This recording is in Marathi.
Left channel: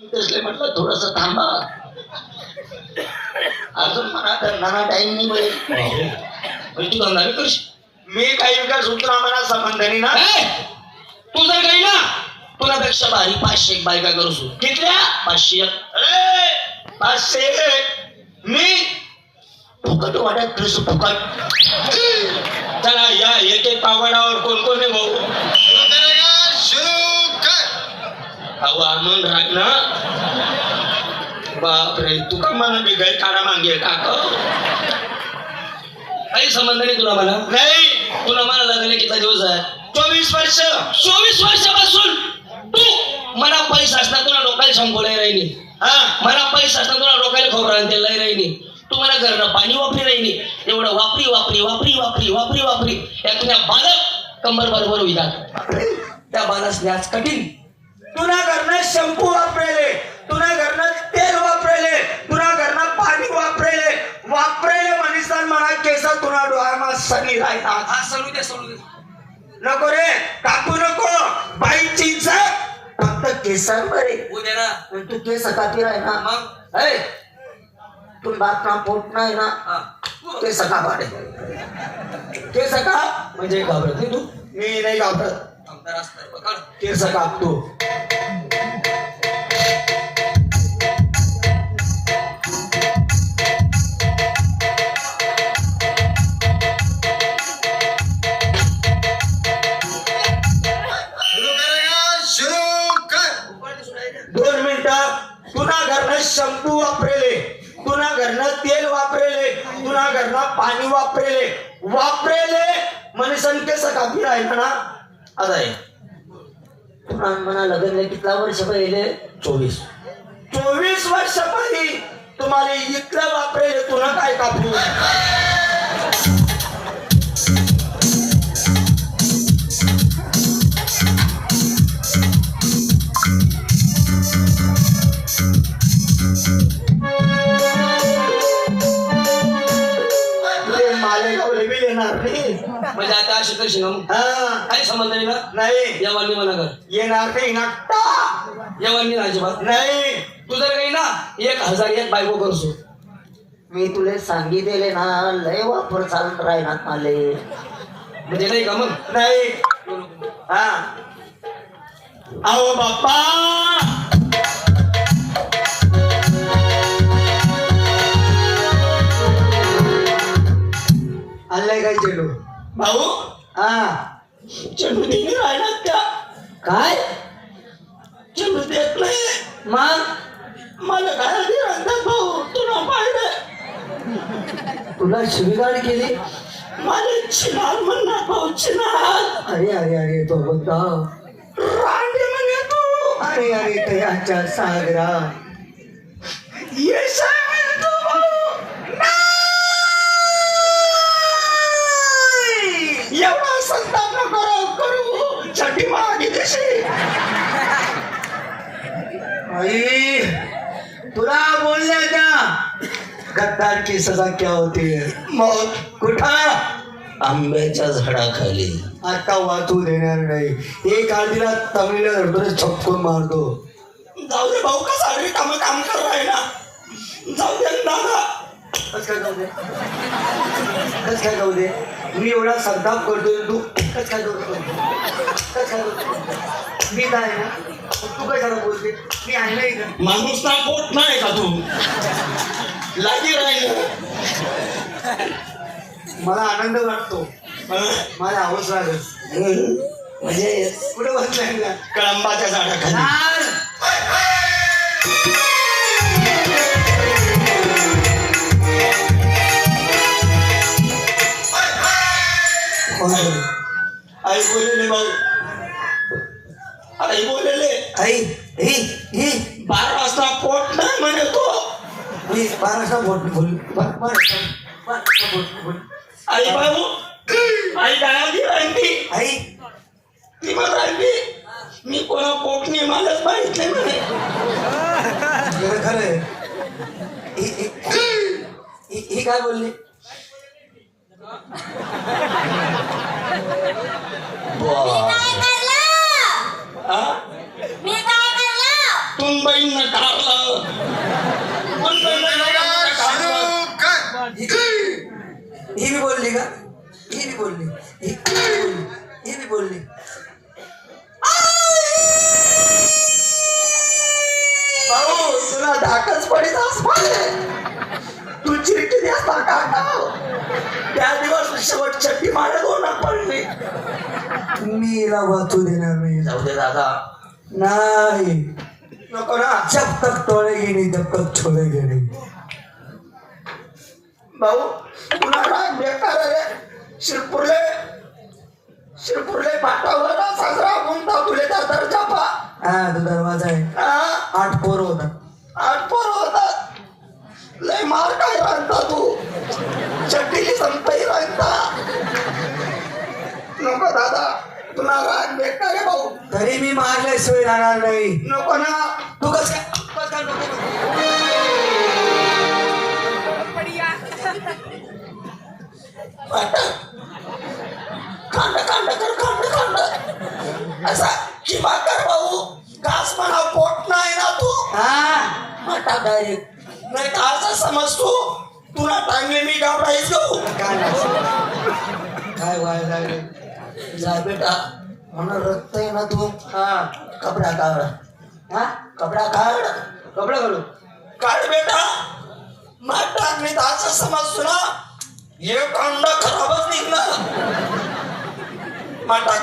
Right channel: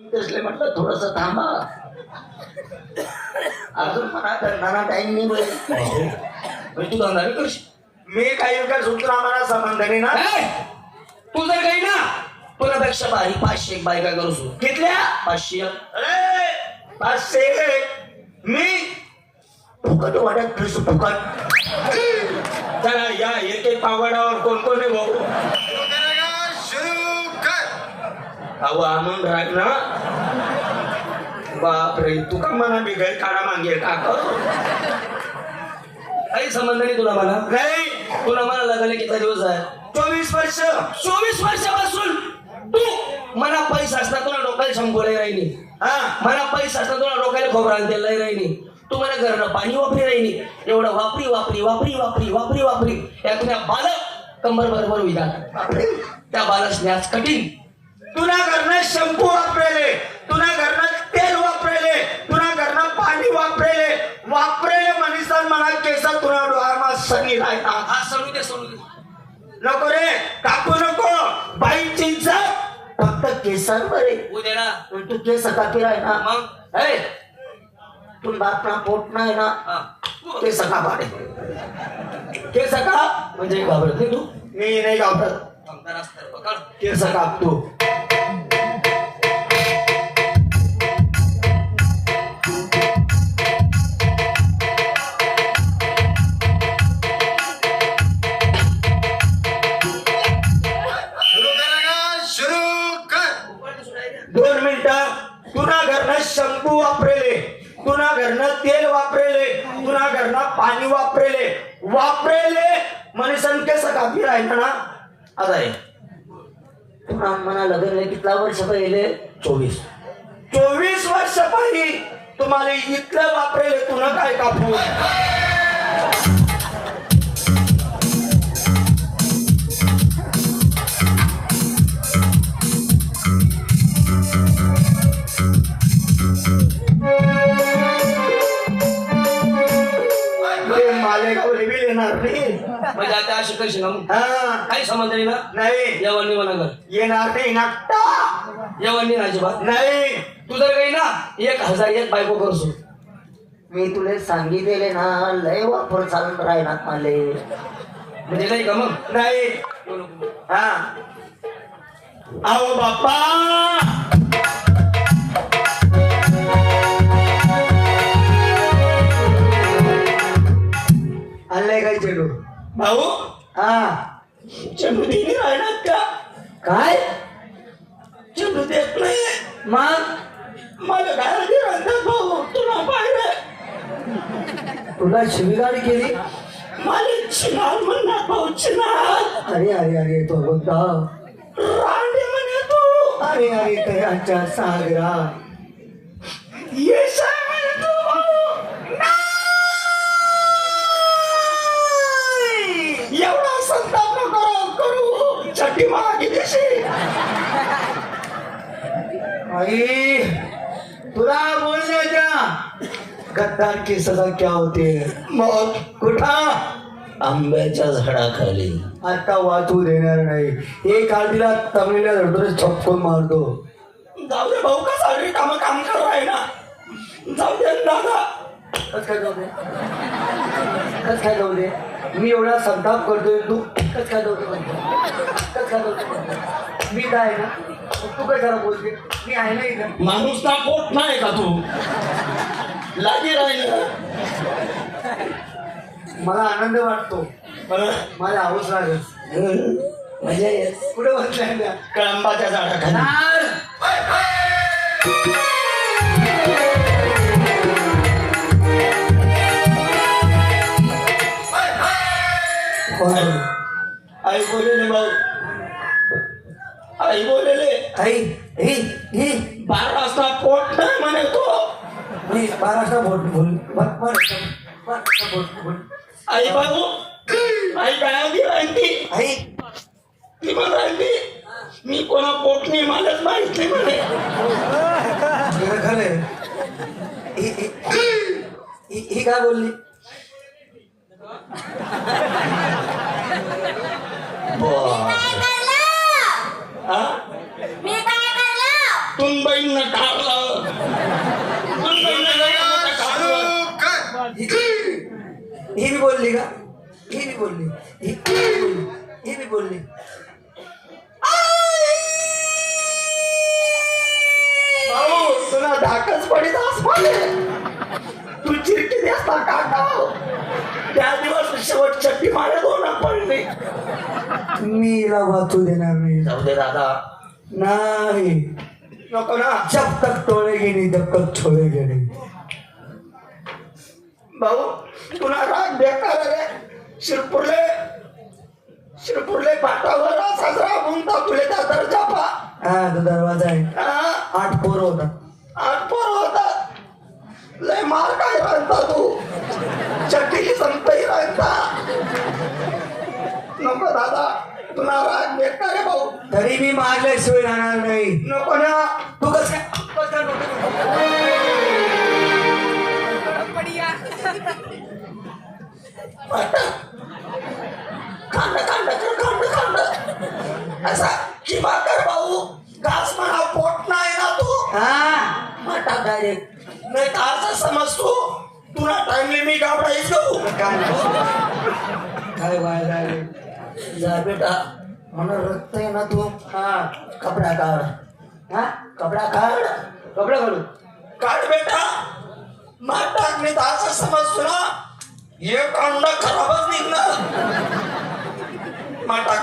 तसले म्हटलं थोडस थांबा अजून मला धंदा टाइम नाही मिळेल. तू धंदा करशील मी काही का सुटतो आम्हाला संबंध नाही ना. तू जर काही ना तुझ्यापेक्षा भारी 500 बायका करू सु कितल्या 500 500 मी फुकट वाट्यात तुझं फुकट. चला या एक एक पावगडावर कोण कोण आहे भाऊ. अहो आमन राग ना बापरे तू का म्हणा मी गाय काढा मागे काका काही संबंध नाही तुला मला. नाही तुला मला लग्न किती दिवस आहे. 24 वर्ष 24 वर्षापासून तू मला पैसा असता तुला डोक्याला शंभर राहिली. मला पैसा असता तुला डोक्याला खोबरा आणते राहिली. तू मला घरनं पाणी वापरी राहिली. एवढं वापरी वापरी वापरी वापरी वापरी वापरी या तुझ्या बालक कंबर बरोबर होईतात. त्या बालक न्यास कठीण. तुला घरनं शंभू वापरेले, तुला घरनं तेल वापरेले, तुला घरनं पाणी वापरेले मनीषान म्हणा केस तुला डोळ्यामा सगळी राहता. हा सोडू दे सोडू दे नको रे कापू नको. बाईची इज्जत फक्त केसर बरे. उद्या ना तू केस कापी राह ना. मग ए तू बाप ना पोट नाही ना हा केस का पाडे केस का म्हणजे घाबरत नाही तू. मी नाही घाबरत. केस काप तू. दोन मिनिटं. तुला घरनं शंभू वापरेले, तुला घरनं तेल वापरेले, तुला घरनं पाणी वापरेले मनीषान केस कापी राहिला ना. आता आहे तुला म्हणा लग्न कितला वर्ष पहिले 24 वर्ष पहिले तुम्हाला इतकं वापरेल तुला काय कापू. मालेगावले बी येणार नाही. म्हणजे आता अशी कशी ना हा काही संबंध नाही ना. नाही जेवण म्हणा घर येणार नाही ना. जेवण नाही अजिबात. नाही तू जर काही ना 1001 बायको करसो. मी तुला सांगितले ना लय वापर चालून राहिनात माले. म्हणजे नाही का मग. नाही हा अहो बाप्पा आणलाय काय चेडू भाऊ हा चंडू देवी राहणार का. काय चंडू देत नाही. मग मला काय आधी राहतात भाऊ तुला पाहिजे. तुला शिवीगाळ केली. मला चिनार म्हणणार भाऊ चिनार. अरे अरे अरे तो बघा रांडे म्हणे तू. अरे अरे तयाच्या सागरा ये सांग तू भाऊ. एवढा संताप नको करू. छठी मागे देशी. आई तुला बोलले त्या गद्दार की सजा क्या होते. मग कुठं आंब्याच्या झाडाखाली. आता वाचू देणार नाही. एक आरतीला तमिळला धरतो छपकून मारतो. जाऊ दे भाऊ का साडे काम कर आहे ना. जाऊ दे दादा. कस काय जाऊ दे कस काय जाऊ दे. मी एवढा संताप करतोय तू कस काय जाऊ दे. कस काय जाऊ दे. मी काय आहे ना तू कशाला बोलते. मी आहे ना इथं. माणूस ना पोट नाही का तू लागी राहिलं. मला आनंद वाटतो. मला हौस लागत. म्हणजे पुढे बसलाय ना कळंबाच्या झाडाखाली. आई बोललेले भाऊ. आई बोललेले आई ही ही 12 वाजता पोट नाही म्हणे तो. मी महाराष्ट्र बोल. आई भाऊ आई काय राहिली. आई ती मला राहिली. मी कोणा पोट नाही मलाच माहित नाही म्हणे. खरं ही काय बोलली. तुम बहीण कारलं कोण पडलं कारलं? ही बी बोलली का? ही बी बोलली, ही बी बोलली. भाऊ तुला धाकच पडित असते, तू चिरकी द्यास काटा. त्या दिवस शेवट चट्टी मारे दोन पडली. मी वाचू देणार नाही. जाऊ दे दादा. नाही नको ना. जब तक तोड़ेगी नहीं जब तक छोड़ेगी नहीं. भाऊ पुन्हा राग बेकार रे. शिरपूरले पाटावर साजरा म्हणता तुले त्या दर्जापा. हा तो दरवाजा आहे. 8 पोर होतात. लय मार काय राहता तू. चट्टीली संपई राहता. नको दादा पुन्हा राग बेकार रे भाऊ. तरी मी मारल्याशिवाय राहणार नाही. नको ना. तू कसं खांड असा किंवा कर भाऊ. घास म्हणा पोट नाही ना तू. माटा डायरेक्ट नाही तर समजतो तुला टाइम मी घाबरायच घेऊ. काय व्हायला जा बेटा मला रक्त आहे ना तू. कपडा काढ. कपडा घालू काढ बेटा. माटा मी तर समजतो ना. हे कांदा खराबच निघला. माटा